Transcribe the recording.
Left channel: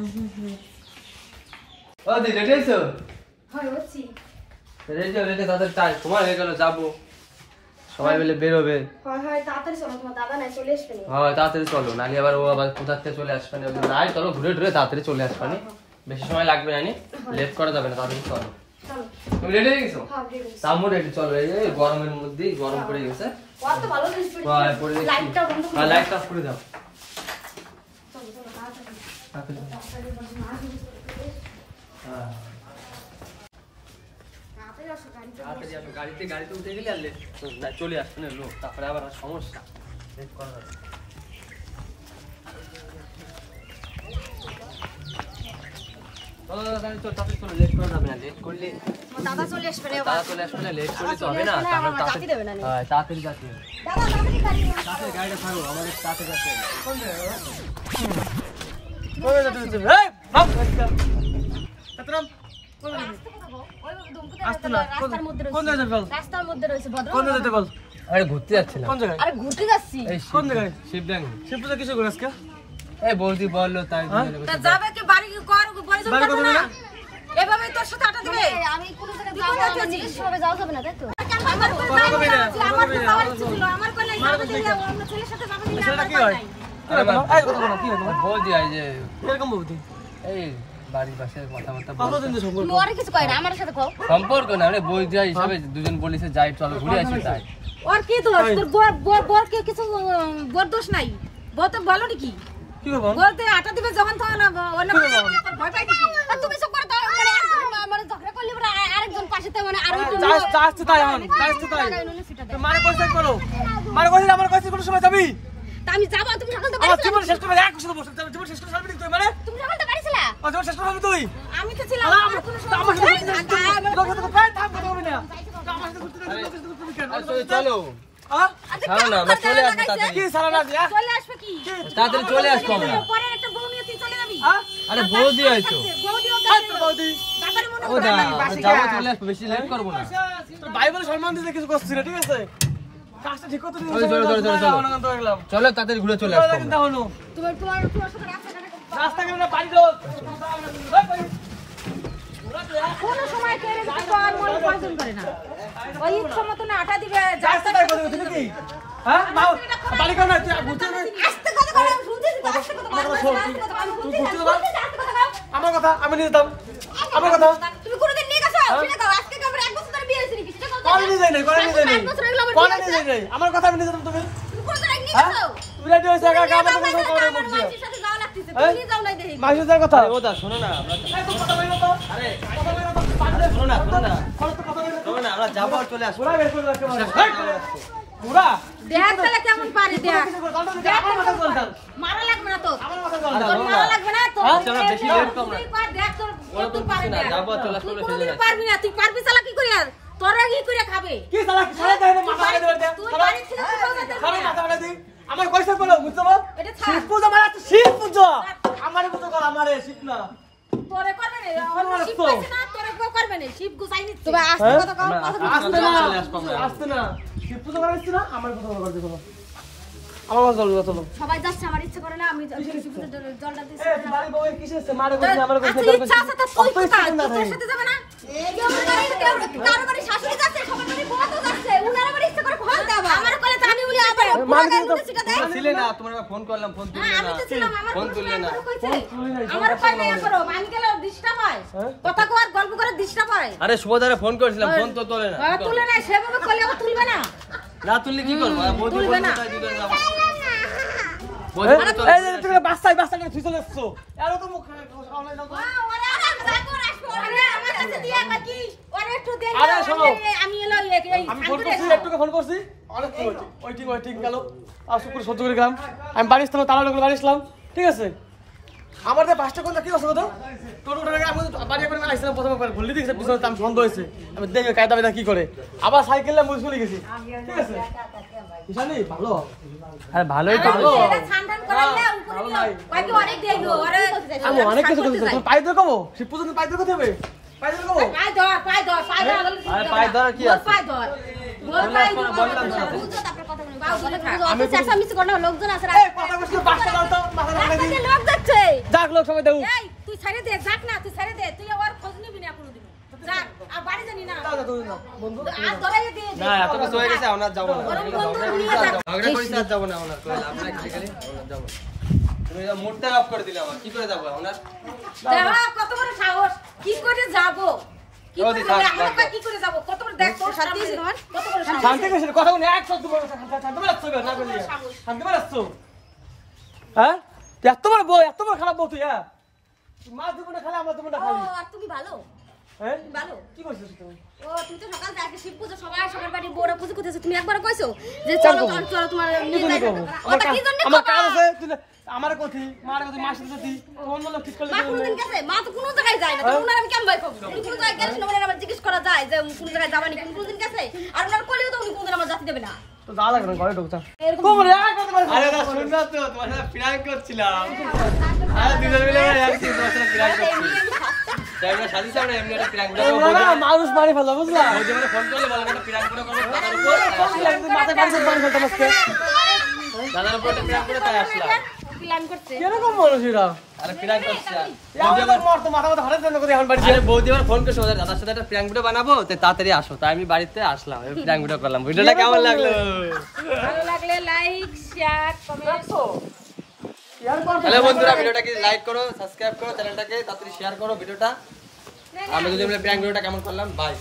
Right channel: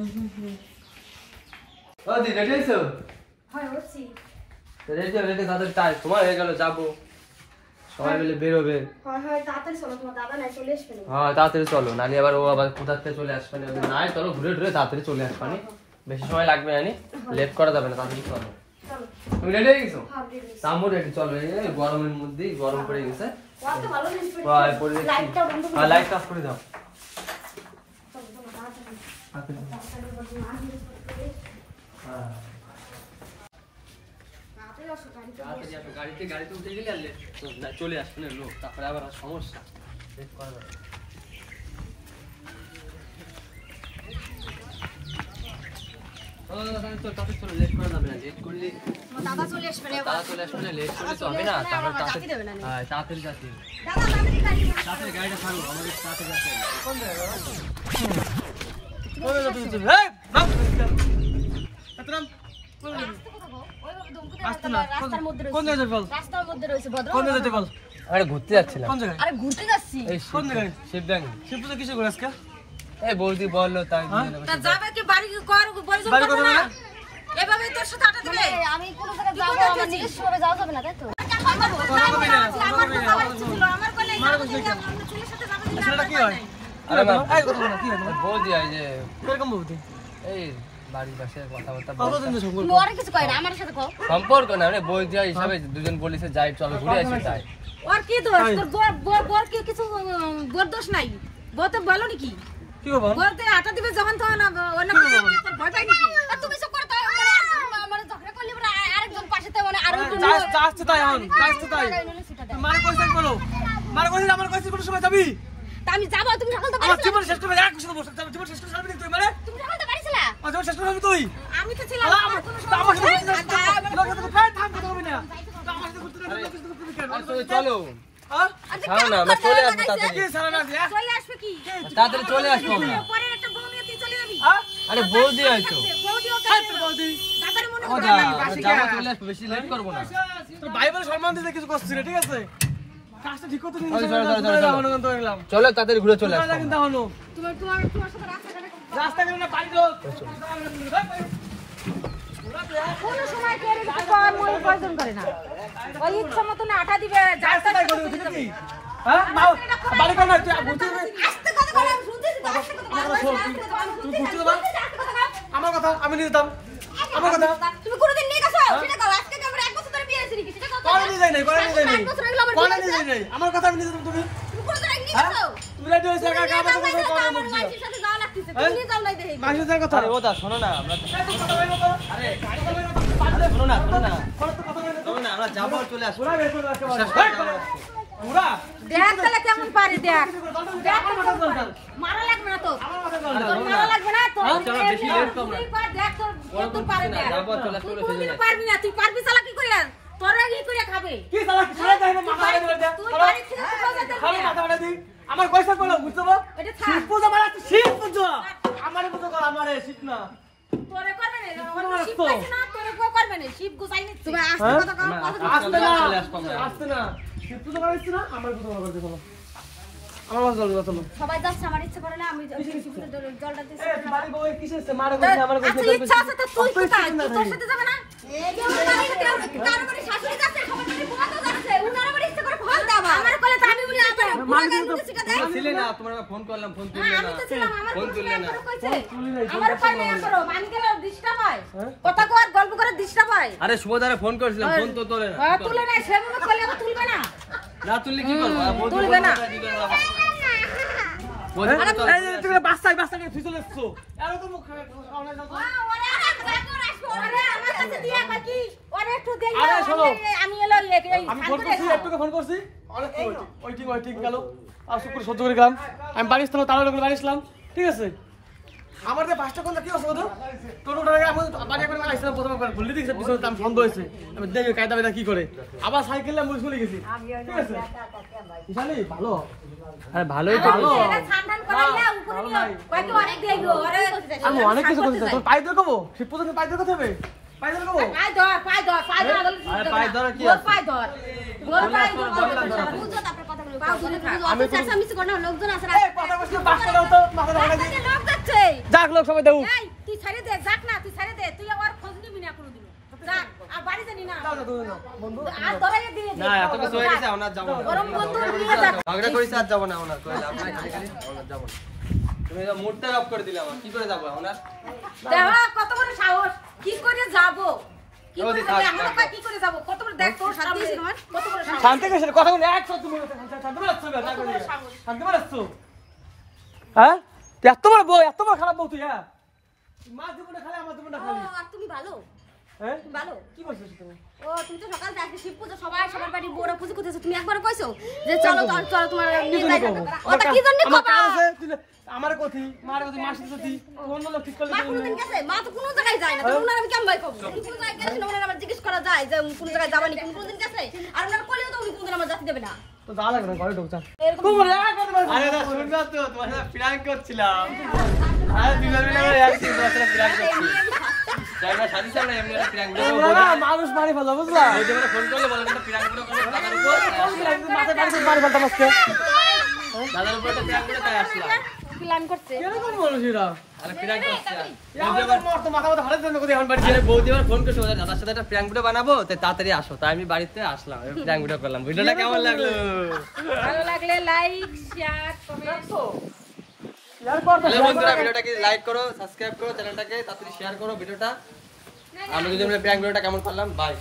ও দি ready আছো? হ্যাঁ বলছি। রেডি তাদের টাইম সময় হয়ে গেল, যাবো সবাই মিলে বের হবে। হ্যাঁ তাড়াতাড়ি চলো, তোমার দাদা নাই চলে আসবে না। হ্যাঁ তাড়াতাড়ি চলো, নাহলে আবার ও আবার কোথা থেকে চলে আসবে না। নাই চলো ঘুরে ঘুরে তাড়াতাড়ি চলে আসবে না, বেশি সময় লাগবে না, লেট করা যাবে না, তাড়াতাড়ি চলো। তুমি রেডি হয়ে গেছো? তামো রেডি, চলো। এই গরমের মধ্যে গরম পড়ে গেছে, কত ভালো ড্রেস পরে লাইটটা বন্ধ করে লাইট অফ করে দাও। গাড়িতে উঠে গেলে আর চলে আসছে না লোক, তারপরে আবার সমস্যা, লেট করা যাবে। দাদা চলে আসবে না, লেট করলে তো হবে না, তাড়াতাড়ি যাচ্ছি। গাড়িটা থামো, আমাদের তাড়াতাড়ি যাচ্ছে। ঘুরতে যাচ্ছিলাম। ঘুরতে যাচ্ছি শিবপুজা কিছু করে আজকে এই বৌদি বললো তাই যাবে কি বাড়ি করবে না, এভাবে তোর সাথে আটা দিলে আমি কোন জায়গায় যাব না, আমার নিজস্ব ভাবে যাওয়া যাবে না, তাই তো? আমার কোলে অন্য ছেলের সাথে যাবে না, সেটা কি হয়? এই কথা বলো, কি হয়? বৌদি আই যে এরকম বৌদি, এই বাড়ির পাশে কথাবার্তা বলতে তুমি ওরে কিছু কই না, আমার সাথে কও। সম্পর্ক না রে, বৌদি হিসাবে দুজন বলিছে যাই চলো ঘুরে আসি, তাই। ওর কি দোষ? তোর বর কি কিছু বর দোষ নাই? বউ তো ভালো নাকি? কি করব? বল থেকে আটা দিবে যখন তখন অন্য ভয় পাই নাকি? আর তুমি সব করতে মানে মানে ঝগড়া করলি বড় আরেকজন পাশেতে মানে আরো একটু আসতে তাই হন, আসতে তাই মারে কইছ করো, মারে কইছ আমার কইছ কোন সময় যাবি? তা আমি যাব, তুমি সকাল তো আমার বাড়ি জীবন শেষ করে এক বছর বসে জীবন শেষ করে যাবি তুই? মানে তুমি সকাল তো বাড়ি ছিলা? জীবন শেষ করে তুই? আমি তো ছিলাম, আমার কোনো সমস্যা নাই। চলো চলে আসবো আমরা। আরে বৌদি আইছো, বেশি লেট করবো না। বাইবেল সম্মান দিতে কিছু করছি না, ঠিক আছে? চলো তাড়াতাড়ি ঘুরে চলে আসবো। রাস্তা কেন বাড়ি কোনো সময় কেড়ে দিতে পার মন পছন্দ করে না। ওই সময় তুমি আটা দিবে যাইতে তাই করে দিতে নাকি? হ্যাঁ বাড়ি কোন তুই বুঝতে আস্তে কথা বলে শুনতেছি তো, আস্তে কথা বলে তুই বুঝতে পার আমার কথা, আমি নিয়ে যেতাম আমার কথা। তুমি কোনদিন নিয়ে গেছো সেটা দাও, আজকে কি আমরা এক বছর ধরে বিয়ে হইছে নাকি সেটা কথা? কোন নিয়ে যাই নাই, কোন নিয়ে যাই নাই, কোন নিয়ে যাই নাই, আমার কথা আমি নিয়ে যেতাম। তুমি তুমি কোন জায়গায় নিয়ে গেছো? তুমি রেডি হইছো একা একা আমাকে আমার কথা বলো। মাইসের সাথে যাওয়া লাগতেছে, তুমি নিয়ে যাও না দেখি। মাইসের কথা ওটা শোনো না, আমরা কথা বলবো তো। আরে কথা বলবো তো, পাগলে শোনো না, শোনো না, কথা বলবো না, আমরা যাবো আর চলে আসবো। পুরা বের করে রাখতে পারো পুরা দেখ তাহলে কেমন পারি, দেখ দেখ কথা বলতাম মারা লাগবে না তো, আমার কথা বল তোর মারা লাগবে না তো। চলো বেশি লেট কম না, দেখ তোর ওরকম কিছু না, যাবো চলে আসবো। তুই পারবি না, তুই পারবি চালা কি করে? আর তোরা কি করে খাবে? কি সালা সালা দেয় না, মাথা দেবে দে তুই বাড়ি থেকে কোথাও যেতে সালা পারবি না। মাথা দি আমার কইছে বলো, বুঝছো না? এটা থাক, শিব পূজা মানে তো শিব পূজা, আমারে পূজা কর, আমারে শিব না তোরে করবে না, অন্য শিব পাইছে না, তোরে কেউ করবে না, শিব গুছাই নিচ্ছে। তুমি হ্যাঁ? আস্তে কথা কও, কথা আসতে না চলে আসবো আমরা, আসতে না শিব পূজা করাইছ না, আমার পূজা করতে চলো, আমার চলো চলো। সবাই যাচ্ছে, আমার ইচ্ছে করে না, আমি শিবপুজোর জলটা দিচ্ছি এই বাড়ি বউ কিসে আছে, মারে কইছে আমার কইছে আচ্ছা ইচ্ছা আছে তো তুই কোথায়? তুই তোর সাথে যাবে না? কেউ বাড়ি কেউ কারো বাড়ি শাশুড়ি যাচ্ছে, সবার বাড়ি বউ তো যাচ্ছে, উনার বাড়ি ইচ্ছে করে ফোন দাও। আমার কোলে তো আমি বলি আমার ছিলে না, তোমার ফোন করলাম, ফোন তুললে না, আমি তো ছিলাম, আমার ফোন তুললে না, আমার ফোন না করো, আমি গেলে ডিস্টার্ব হয়, কথা কর গল্প করে ডিস্টার্ব হয়। আরে শুভদারে ফোন করেছিলাম, ফোন তো তোলে না, তুলে না, সেভাবে কোলে ও তুলবে না, না তুললে কি করব? বৌদি বলবে তাই দিবে না, বৌদি বলে চল। এই তুমি বাচ্চা তুই চলে আসছো, এর তো মুখ খাও না, যাও তো। ওরে আমার কাছে আসবে, ওরে আমার কাছে দিয়া কই কি ওরে একটু দেন, আরে শোনো, আমি এলো এই আমি ফোন করছি, একটুকে ফোন করছি, অনেক ওয়েটিং গেল, আর শুক্র সহ্য করে গেলাম, আমি বাড়ি আসলাম, তালা ঢুকলে বাড়ি আসলাম, ঠিক আছে? আমার যে 5টা কোনটা কি অসুবিধা? টোটোটার আগে আমি বাড়ি করে আসলাম, প্রথমে ঘুরলি দিয়েছে, পিছনে আমি সন্দেহ হয়েছে, আমি দেখি কায়দা বেদা কি করে, আবার সাইকেলে মুড়ি চলে গেছি, ঠিক আছে? জানি ভালো, হ্যাঁ ভালোই তো, ভালো ঠান্ডান করাইলে উপরে কি কয় কি অনেক দেইলো, আরে আমি অনেক কিছু করতে চাই, তোর পাই ধরে কবো, শিব পূজা পাই ধরে কথা হবে, পাই ধরে কবো, পাই ধর আরে পাই ধর কি আছে, পাই ধর বললাম তো, বুঝো তারপর কথা বলবো, আমি চেঁচামেচি করো না, লোকজন আছে। এই কথা কইছ না, বাসটা দাও তো, মাথা ঢাকা দি। লোক যাচ্ছে। যাক লোক সবাই দাও। এই তুই ছেড়ে দে, যাক না, তুই ছেড়ে দে, তুই আর খোঁজ নিবি না কোনোদিন। যাক, আর বাড়ি জানি না। দাও দাও দাও বন্ধু। আর ধরাইয়া দিয়ে দে। না এত কিছু হয়ে গেছে ওনার যাব না বরং বন্ধু নিয়ে যা। ঝগড়া করিস আর যাব না ওনার কই লাভ নাই খালি খালি ওনার যাব না তুমি যা মোড়টা অফ করে দিলে আমার কি করে যাব ওনার যাওয়া কত বড় সাহস, কি করে যাব? কি করে ওদি যাবে? থাক, আমরা থাক। কি করে যাব? কত বড় দেখ তোর সামনে কত বড় সাহস। শান্তি কিসের কথা বলে এক শব্দ বলে শান্তি মারাচ্ছ কেন না করে শান্তি মারাচ্ছ হ্যাঁ এত বড় খারাপ বউ তুই হ্যাঁ মা জীবনে খালি আমার জীবনে ও, খালি আর তুমি ভালো? হ্যাঁ তুমি ভালো? কি করছিস তুমি ও তুমি তো সকাল থেকে শিব পুজো সবাই সবার বাড়ি বড় পুজো করতেছে, তুমি একবার কইছো যে চলো চলো চলো তোমার কি জন্য করবো ওটা কি জন্য আমার করবা? কাজ আছে তুই আমার কথি মার কথি মাসির কথি অন্য লোক ঠিক করলে মা কোনদিন গেছে? মা তো কোনো জায়গায় যায় না, তো ওনার আমি কেমন ভাই কব? উনি কোনো জায়গায় গেছে না, ওনার আমার জিজ্ঞেস করা যায় যে কোন জায়গায় যাবানি, কোনদিন গেছে? আর ওনার কলিও তো উনি কোনদিন আমার জাতি দেবে না। তো যা লাগে না ঘরে ঢুকতা এরকম খুব রে এক কথা আরে না শুন না তো তোমার সাথে প্র্যাঙ্ক করছিলাম আরে দুজন মিলে একই তোমার সাথে প্র্যাঙ্ক করছি আমরা শাদি সামনে এমনি একটা প্র্যাঙ্ক ভিডিও করব না মানুষ মারি ফেলা বুঝলা ওই যে মানে ফোন করলে বলে একটা প্র্যাঙ্ক ভিডিও করব দাদার উপর মাথায় বাড়ি করে মারি ফেলতাম আজকে দাদার উপর একটা প্র্যাঙ্ক করে তাই আসলাম প্ল্যান করছে। কিরকম মানুষরা আরে প্র্যাঙ্ক করছি আর মাথা মাথা হারের জন্য করে এখন বাড়ি আরে বৌদি আমার ফোন করছে ওদের দাদার সাথে একটা প্র্যাঙ্ক ভিডিও বানাবো তাই তাড়াতাড়ি আসো তাই আমি বাড়িতে আসলাম প্র্যাঙ্ক ভিডিও করলাম ভিডিওটা কেমন লাগলো ভালো লাগলে লাইক শেয়ার কমেন্ট। ইয়ার করতে হ্যালো বন্ধুরা ভিডিওটাকে লাইক করো সাবস্ক্রাইব করো চ্যানেলটাকে তাড়াতাড়ি শেয়ার করো ভিডিওটা আমরা যদি প্র্যাঙ্ক ভিডিওটা কেমন করলাম বাই